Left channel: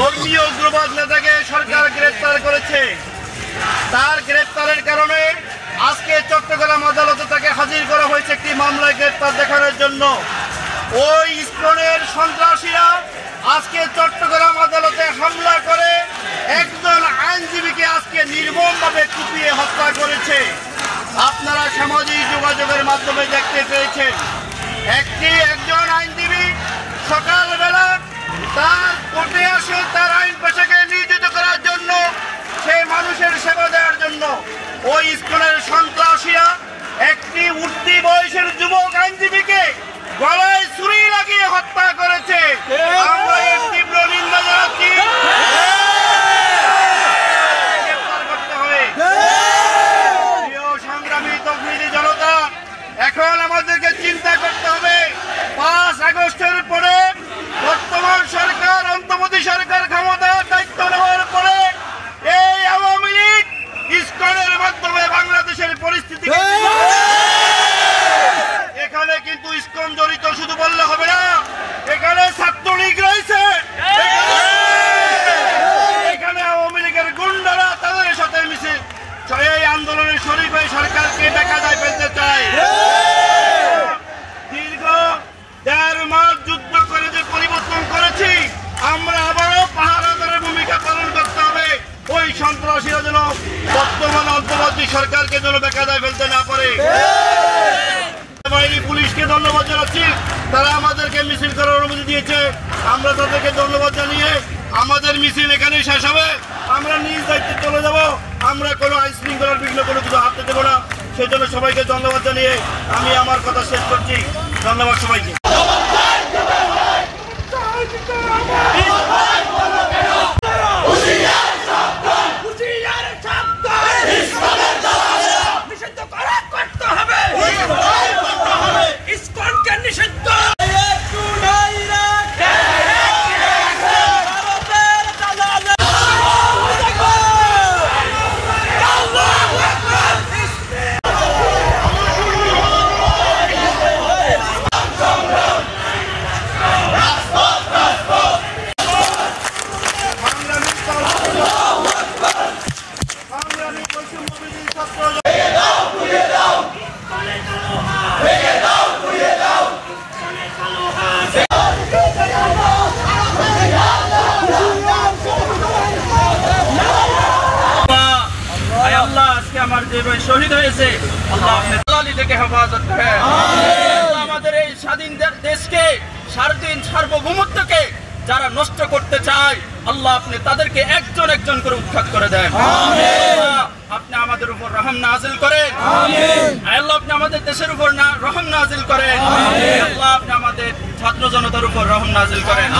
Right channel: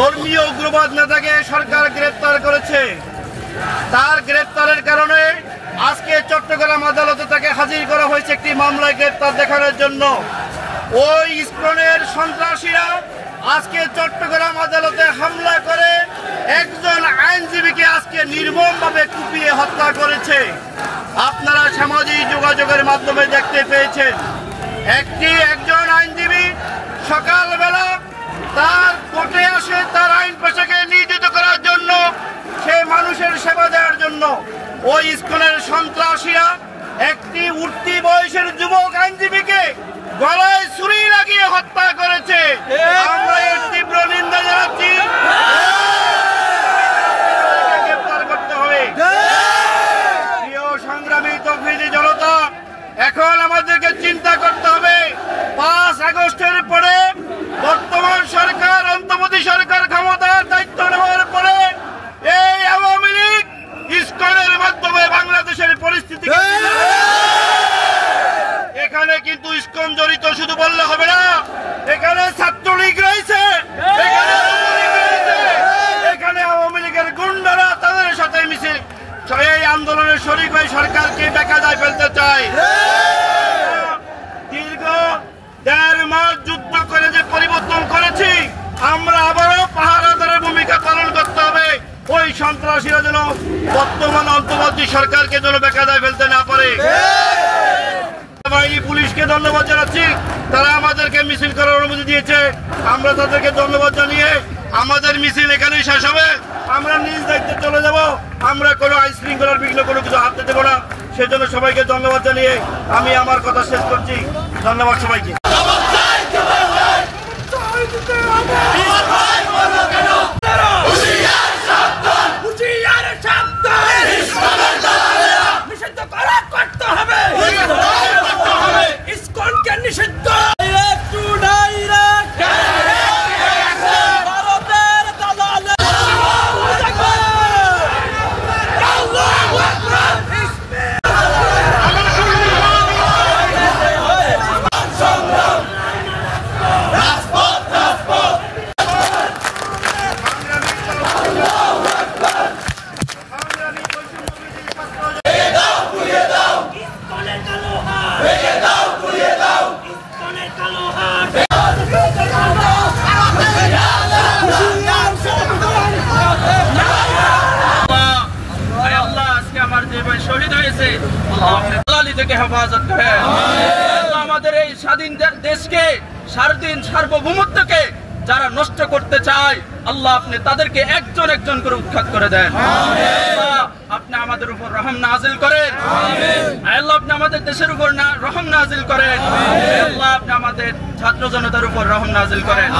ধর্মীয় উগ্রবাদ নেতাকে সরকার গ্রেফতার করেছে। তার গ্রেফতারের কারণে আজকে চট্টগ্রাম আদালতে তাকে হাজির করা হয়েছে একটি মামলায় গ্রেফতার দেখানোর জন্য। ওই ইস্কনের সন্ত্রাসীরা আজকে চট্টগ্রাম আদালতে হামলা করে একজন আইনজীবীকে আজকে নির্মমভাবে কুপিয়ে হত্যা করেছে। আপনারা সামাজিক যোগাযোগের মাধ্যমে দেখতে পেয়েছেন একজন আইনজীবী সকালবেলা তার কোর্টে আসে তার আইন পেশাকে নিয়োজিত করার জন্য, সেই মানুষের সেবা দেওয়ার জন্য। ওই ইস্কনের সন্ত্রাসীরা একটি উঠতি বয়সের যুবক আইনজীবীকে গলায় ছুরি লাগিয়ে হত্যা করেছে। আমরা এর তীব্র নিন্দা জানাচ্ছি। গ্রেফতার করতে হবে। প্রিয় সংগ্রামী তৌহিদি জনতা, এখন আমাদেরকে চিন্তা করতে হবে 5 আগস্টের পরে বর্তমান সরকার, অন্তর্বর্তী সরকার ক্ষমতার দায়িত্ব নেওয়ার পরে এই আওয়ামী লীগ ইস্কনের মাধ্যমে বাংলাদেশের পরিস্থিতি, এখানে কিন্তু ইস্কন জড়িত শুধু বললে হবে না, এখানে ছাত্রলীগ রয়েছে, এখানে আওয়ামী লীগের গুন্ডারা তাদের সাথে মিশে এই আন্দোলনের শরীক হয়ে সরকারকে বেকায়দায় ফেলতে চায়। দীর্ঘ 1.5 মাস যুদ্ধ করে যে পরিবর্তন করেছি, আমরা আবারও পাহারাদারের ভূমিকা পালন করতে হবে। ওই সন্ত্রাসীরা যেন বর্তমান অন্তর্বর্তী সরকারকে যেন বেকায়দায় ফেলতে না পারে। বাহিনী পুলিশকে ধন্যবাদ জানাচ্ছি, তারা আমাদেরকে মিছিল করার অনুমতি দিয়েছে। আমরা তাদেরকে ধন্যবাদ জানিয়ে আমাদের মিছিল এখানেই শেষ হবে। আমরা নিজ দায়িত্বে চলে যাব। আমরা কোনো আইন শৃঙ্খলার বিঘ্ন কোনো কিছু হাতে দেবো না। সেজন্য সবাইকে ধন্যবাদ জানিয়ে আমি আমার কথা শেষ করছি। ধন্যবাদ সবাইকে। আমার যে ভাই শহীদ হয়েছে, আল্লাহ আপনি দালালি থেকে হেফাজত করেন। আমাদের এই স্বাধীন দেশকে, স্বাধীন সার্বভৌমত্বকে যারা নষ্ট করতে চায়, আল্লাহ আপনি তাদেরকে একজন একজন করে উৎখাত করে দেন। আপনি আমাদের উপর রহম নাজিল করেন। আল্লাহ আপনি আমাদের দেশের উপর রহম নাজিল করেন। আল্লাহ আপনি আমাদের ছাত্র জনতার উপর রহম নাজিল করেন।